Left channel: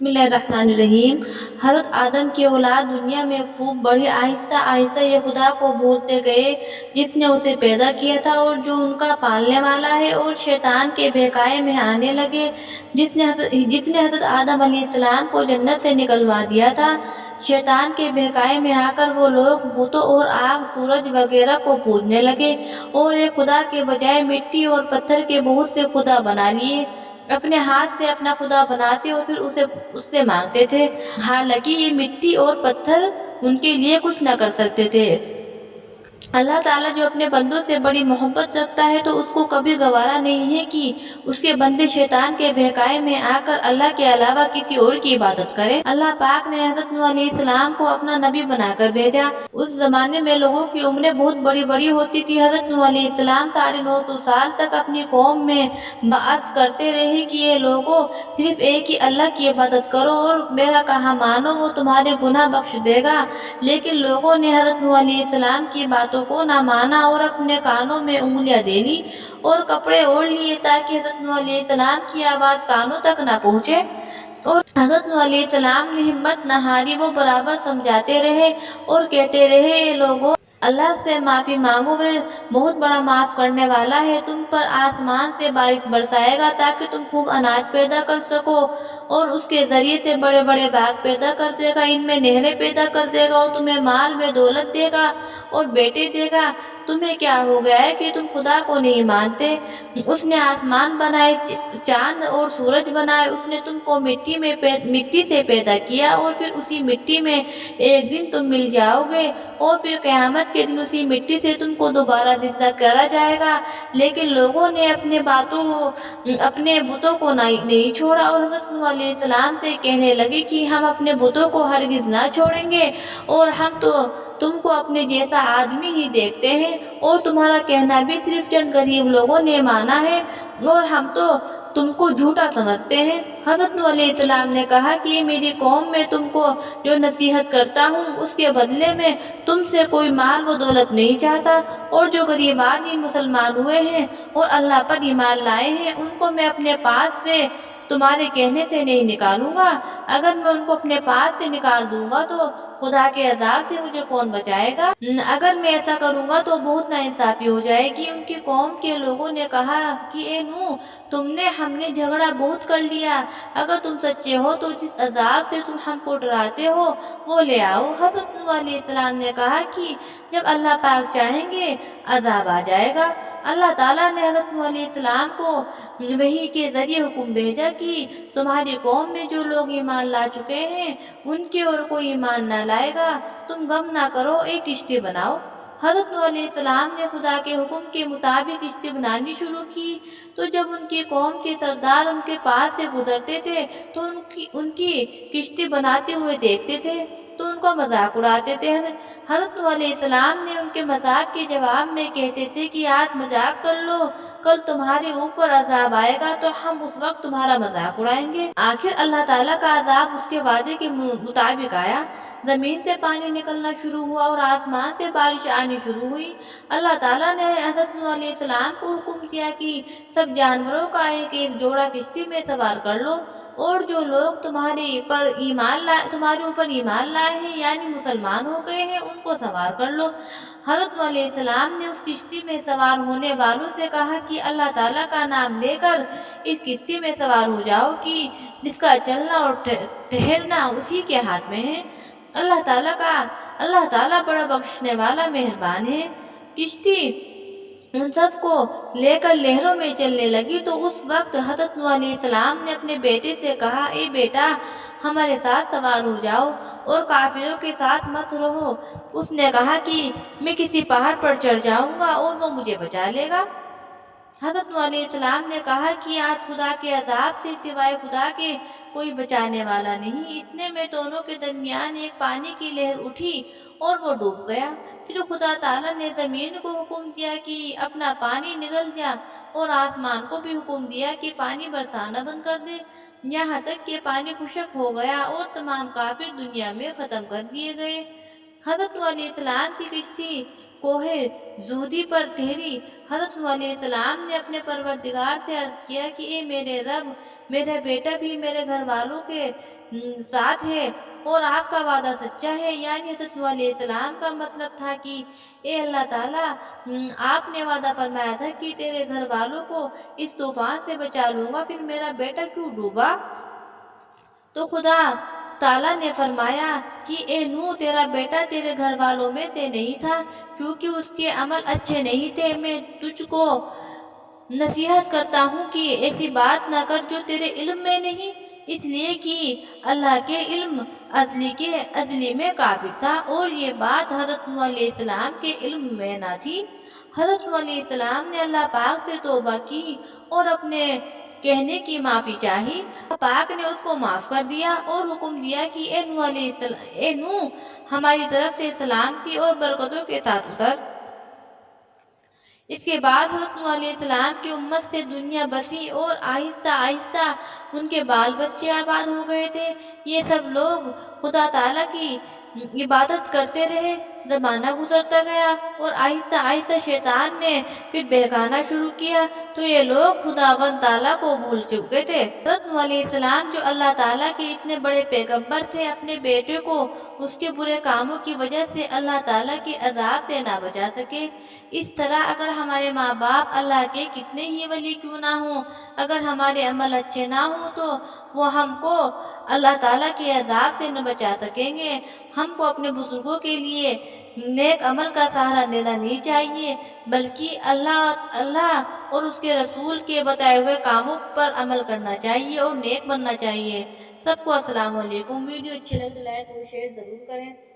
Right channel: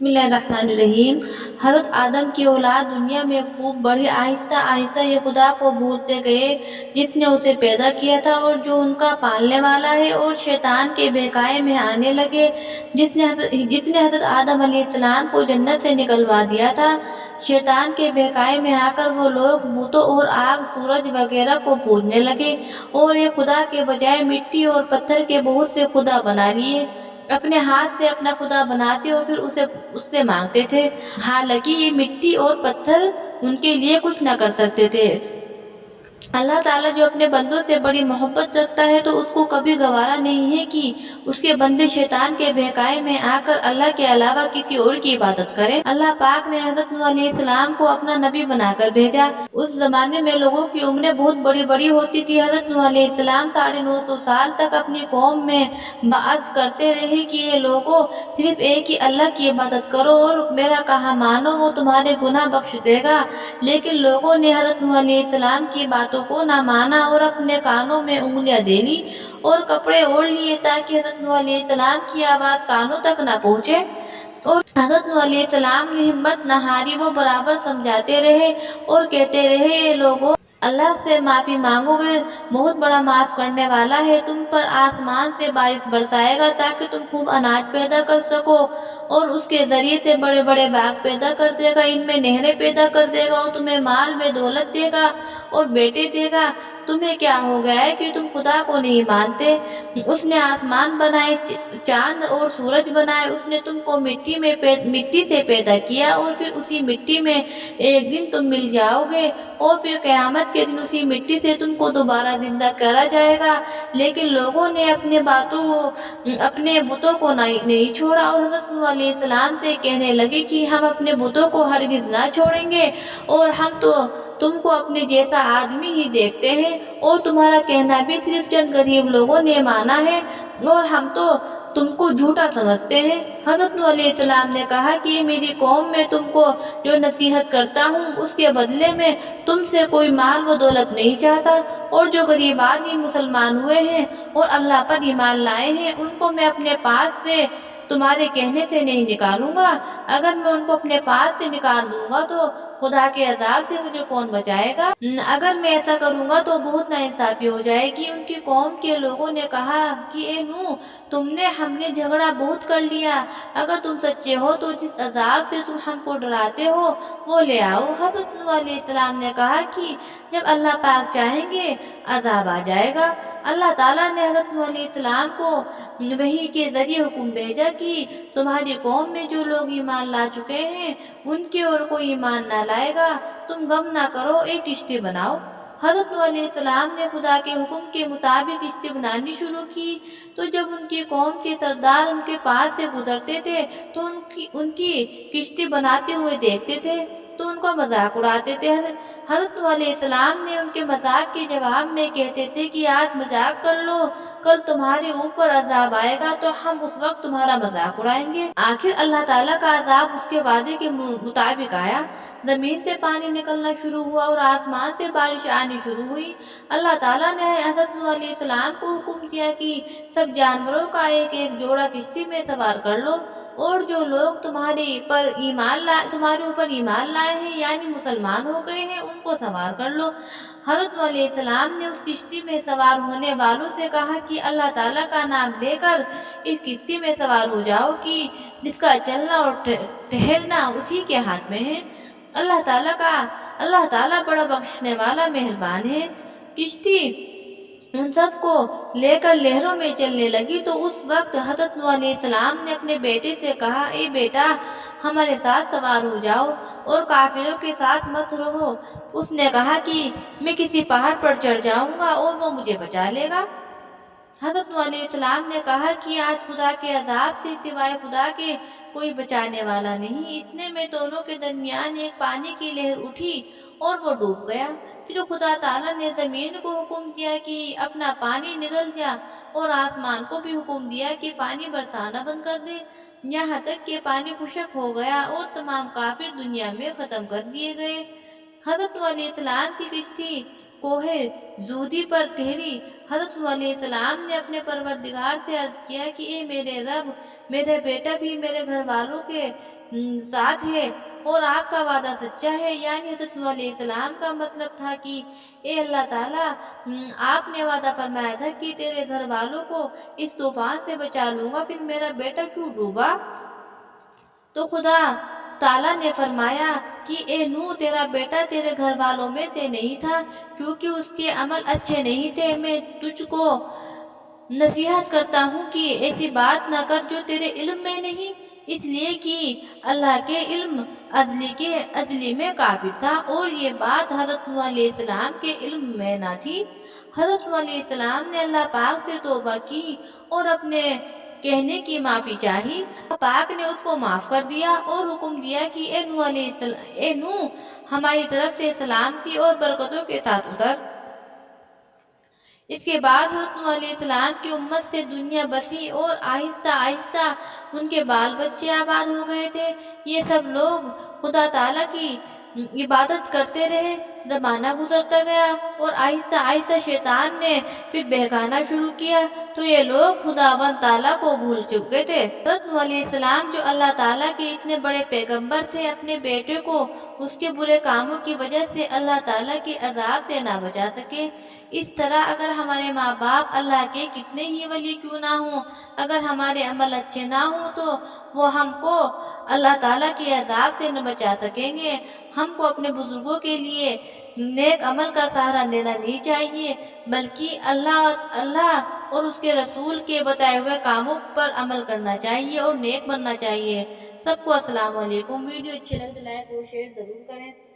बिस्मिल्लाहिर्रहमानिर्रहीम। हज़रत आदम की औलाद दुनिया में खूब बढ़ी। आहिस्ता आहिस्ता ये खुदा को भूलते गए जिसने उसे पैदा किया था और जो उनका पालने वाला है, और शैतान के बहकावे में आने लगे जिसने हज़रत आदम अलैहिस्सलाम को जन्नत से निकलवा दिया था। शैतान के बहकावे में आकर वो लोग बुतों और आग, सूरज वगैरह को पूजने लगे और एक खुदा के बजाय मिट्टी और पत्थर के बहुत से खुदा बना लिए। अपने हाथ से अपना खुदा बनाते और फिर उसे उससे मांगते थे, हालांकि ये मिट्टी और पत्थर उनके लिए कुछ न कर सकते थे। अल्लाह ताला जो अपने बंदों से बड़ी मोहब्बत रखता है तो उसको कभी गवारा नहीं है कि उसके बंदे शैतान के बहकावे में आकर अल्लाह के अलावा किसी और की इबादत करें। अल्लाह पाक ने हज़रत नूह अलैहिस्सलाम को अपना नबी बनाकर भेजा। उस जमाने में लोगों की उम्रें बहुत बड़ी बड़ी होती थी। हज़रत नूह अलैहिस्सलाम 950 साल तक अपनी कौम में बात करते रहे कि ये लोगों, सिर्फ एक ही अल्लाह की इबादत करो और मेरा कहा मानो, वो तुम्हारे गुनाह बख्श देगा। लेकिन लोगों ने हज़रत नूह अलैहिस्सलाम की बातों को ना माना और अपने कानों में उंगलियां दे ली और कपड़े ओढ़ लिए ताकि हज़रत नूह अलैहिस्सलाम की आवाज कानों तक ना पहुंचे। और हज़रत नूह अलैहिस्सलाम ने हिम्मत न हारी, वो बराबर समझाते रहे और कहते रहे, ये लोगों, अल्लाह से माफी मांगो, वे बहुत बड़ा माफ करने वाला है। तुम पर आसमान से बारिश बरसाएगा ताकि तुम खूब अनाज पैदा कर सको और उसके जरिए से बड़े बड़े बाग पैदा कर देगा, इनमें नहरें पैदा कर देगा और तुम्हें माल में दौलत देगा और बेटे देगा। तुम्हें क्या हो गया है कि तुम खुदा को नहीं मानते? उसने आसमान बनाए, चांद और सूरज बनाए। उसने तुमको मिट्टी से पैदा किया और फिर उसी मिट्टी में एक दिन तुम मिल जाओगे और फिर कयामत के दिन उसी मिट्टी से तुमको दोबारा जिंदा करा जाएगा। लेकिन लोगों ने अपने बुतों को नहीं छोड़ा और हज़रत नूह अलैहिस्सलाम से कहने लगे कि हम अपने बुतों को हरगिज ना छोड़ेंगे और हम तो तुमको अपने जैसा आदमी ही देखते हैं और तुम्हारा कहना भी सिर्फ चंद गरीब लोगों ने माना है और हम तो तुमको झूठा समझते हैं। हज़रत नूह अलैहिस्सलाम ने कहा कि मेरी कौम में तुमको जो नसीहत करता हूँ उसके बदले में तुमसे कोई माल व दौलत नहीं चाहता, और जो गरीब आदमी मुसलमान हुए हैं और अल्लाह पर ईमान लाए हैं उनको मैं अपने पास से तुम्हारे कहने से नहीं निकालूंगा। अगर मैं उनको अपने पास से निकाल दूंगा तो खुदा के अजाब से मुझे कौन बचाएगा? अगर मैं ऐसा करूंगा तो बहुत नाइंसाफी हो जाएगी। उनकी कौम के लोगों ने कहा कि ए नूह, हमने झगड़ा बहुत कर लिया। अगर तुम सच्चे हो तो जिस अजाब से तुम हमको डराते हो वो ले आओ। हज़रत नूह अलैहिस्सलाम ने कहा कि जब अल्लाह पाक चाहेंगे अजाब आ जाएगा। अल्लाह ताला ने हज़रत नूह अलैहिस्सलाम को वही के जरिए हुक्म भेजा कि तुम्हारी कौम में जो लोग ईमान ला चुके हैं उनकी ओर कोई ईमान ना लाएगा। तुम गम ना करो, एक किश्ती बनाओ। हज़रत नूह अलैहिस्सलाम ने खुदा के हुक्म के मुताबिक किश्ती बनानी शुरू की। तो जब उनकी कौम के सरदार उनके पास से गुजरते थे तो उनकी किश्ती बनाते हुए देखते थे तो उनका मजाक उड़ाते थे। हज़रत नूह अलैहिस्सलाम ने उनके मजाक के जवाब में कहते थे कि आज मजाक कर लो, कल तुम्हारे ऊपर अजाब आएगा तो हम उस वक्त तुम्हारा मजाक उड़ाएंगे। आखिर अल्लाह ताला का अजाब उसके वादे के मुताबिक आया। जमीन से पानी निकलना शुरू हुआ और आसमान से बारिश आनी शुरू हुई। अल्लाह ताला ने हज़रत नूह अलैहिस्सलाम को हुक्म दिया कि सब जानवरों का एक एक जोड़ा किश्ती में सवार कर लो और जो लोग तुम्हारे ऊपर ईमान लाए हैं यानी मुसलमान हो गए हैं उनको सवार कर लो। हज़रत नूह अलैहिस्सलाम ने उस किश्ती में सवार होने वालों से कहा कि अल्लाह ताला का नाम लेकर इस किश्ती में सवार हो जाओ कि जिसका चलना और ठहरना उसी के हाथ में है। अल्लाह ताला बड़ा बख्शने वाला मेहरबान है। किश्ती उन सबको लेकर लहरों में चलने लगी तो उस वक्त हज़रत नूह अलैहिस्सलाम ने अपने बेटे से कहा, ए बेटा, हमारे साथ सवार हो जाओ और काफिरों के साथ मत रहो। उसने कहा कि मैं किसी पहाड़ पर चढ़ जाऊंगा और वो मुझे बचा लेगा। हज़रत नूह अलैहिस्सलाम ने कहा कि आज खुदा के अजाब से सिवाय खुदा के कोई बचाने वाला नहीं। इतने में दोनों के दरमियान एक पानी की लहर उठी और वो डूब गया। फिर खुदा ताला ने जमीन को हुक्म दिया कि अपना पानी निगल जा और आसमान को भी हुक्म दिया कि पानी बरसाना बंद कर दे, यहाँ तक कि पानी खुशक हो गया और तमाम काफिर दुनिया में खत्म कर दिए गए। हज़रत नूह अलैहिस्सलाम की किश्ती कोहे जूदी पर ठहरी। हज़रत नूह अलैहिस्सलाम ने अपने परवरदिगार से अर्ज किया कि ए मेरे रब, मेरा बेटा भी मेरे घर वालों के साथ है और आपका वादा सच्चा है। यानी हज़रत नूह अलैहिस्सलाम का मतलब था कि ए अल्लाह ताला, आपने वादा फरमाया था कि तेरे घर वालों को इस तूफान से बचा लूंगा, फिर मेरा बेटा क्यों डूबा? तो खुदा ताला ने फरमाया कि ए नूह, तेरा बेटा तेरे घर वालों में से नहीं था, क्योंकि उसके अमल अच्छे नहीं थे। मैं तुझको नसीहत करता हूँ कि ऐसी बात ना कर जो तेरे इल्म में नहीं, इसलिए कि अल्लाह के इल्म अजली में काफिर था और ये बात हज़रत नूह अलैहिस्सलाम के इल्म में ना थी। हज़रत नूह अलैहिस्सलाम ने अल्लाह पाक से तौबा की और अपने कहने की माफी चाही। अल्लाह पाक ने उसको माफ कर दिया और हुक्म दिया कि ए नूह, हमारी तरफ से सलामती और बरकतों के साथ उतर। इसके बाद हज़रत नूह अलैहिस्सलाम की उम्मत से दुनिया बसी और आहिस्ता आहिस्ता उनके बाल बच्चे आबाद हो गए थे। ये सब लोग खुदा ताला की इबादत करते रहे। जमाना गुजरता गया और आहिस्ता आहिस्ता शैतान ने फिर बहकाना शुरू किया, तो ये लोग खुदावन ताला को भूल चुके थे। हज़रत नूह अलैहिस्सलाम जो अल्लाह ताला के इतने बड़े पैगंबर थे, अपने बेटे को उसके बुरे कामों की वजह से अल्लाह ताला के अजाब से ना बचा सके। इस तरह अगर हमारे माँ बाप अल्लाह के कितने ही वली क्यों ना हों, अगर हमारे अमल अच्छे ना हों तो वो हमको अल्लाह ताला के अजाब से न बचा सकेंगे। हमको अपने बुजुर्गों के लिए नेक अमल का सहारा लेना नहीं चाहिए, बल्कि अल्लाह अल्लाह और उसके रसूल के बताए हुए कामों पर अमल करना चाहिए और नेक बनना चाहिए। सबको अस्सलाम वालेकुम। वीडियो अच्छी लगे तो लाइक और शेयर जरूर करें।